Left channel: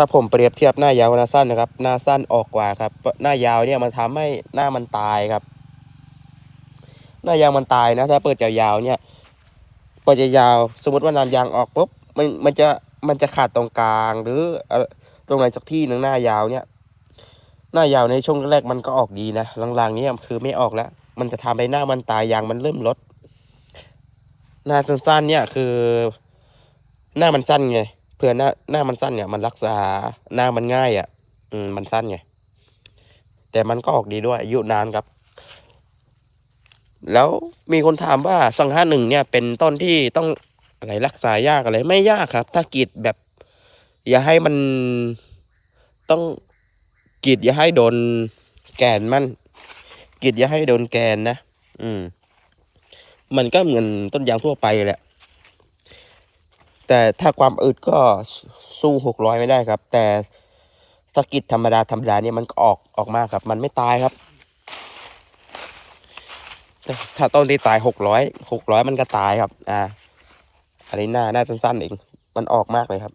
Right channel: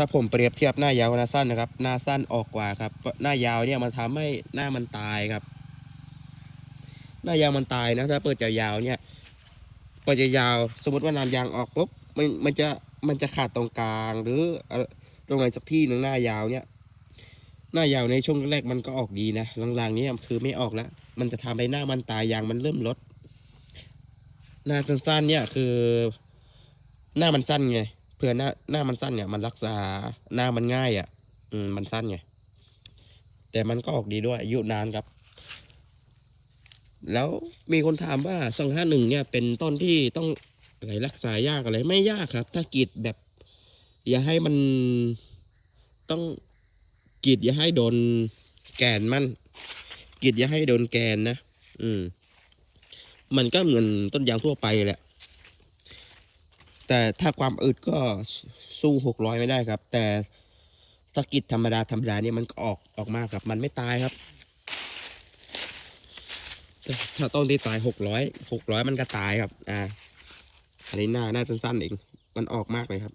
ถ้าผมเปรียบเทียบหน้ายาวกับหน้าสั้นนะครับ หน้าสั้นออกกว่าครับ หน้ายาวเนี่ยมันทำให้หน้ามันตายครับ หน้ายางมันตายนะ ถ้าเปิดยาวๆเนี่ยเปิดยาวสมมติว่าน้ำยางออกปุ๊บมันมันจะมันจะขาดตรงกลางหรือตรงไหนสักที่หนึ่งหน้ายาวเนี่ย หน้ายาวในช่วงแรกมันก็ออกดีนะหลังๆนี้คือไม่ออกแล้ว มันจะทำให้หน้ามันตายยางมันเริ่มลดหน้าสั้นๆเนี่ยคือ หน้ามันสั้นไง เผื่อหน้าหน้ามันสั้นเนี่ยมันรักษาหน้ามันง่ายอะ่ะ อืมมันสั้นไงแต่มันก็ออกดีด้วยอายุนานครับ แล้วมีคนถามว่าสองห้าหนึ่งเนี่ย เป็นต้นที่ต้องอะไรรักษายากอะไรไม่ยากครับ ถ้ากรีดแบบ อย่าให้มันต้องกรีดอย่าให้โดนแกนมันกรีดอย่าให้โดนแกนนะอืม มันก็เหมือนต้นยางทั่วไปแหละ แต่ถ้าความอึดก็สู้หกร้อยไม่ได้ครับ แต่สกิดธรรมดาธรรมดาเนี่ยมันก็ออกออกมาครับ มันไม่ตายครับ ถ้าถ้าต้นที่ตายหกร้อยหกร้อยมันก็ตายครับ อ่าอันนี้หน้าหน้าสั้นๆเองมันออกมากเลยครับ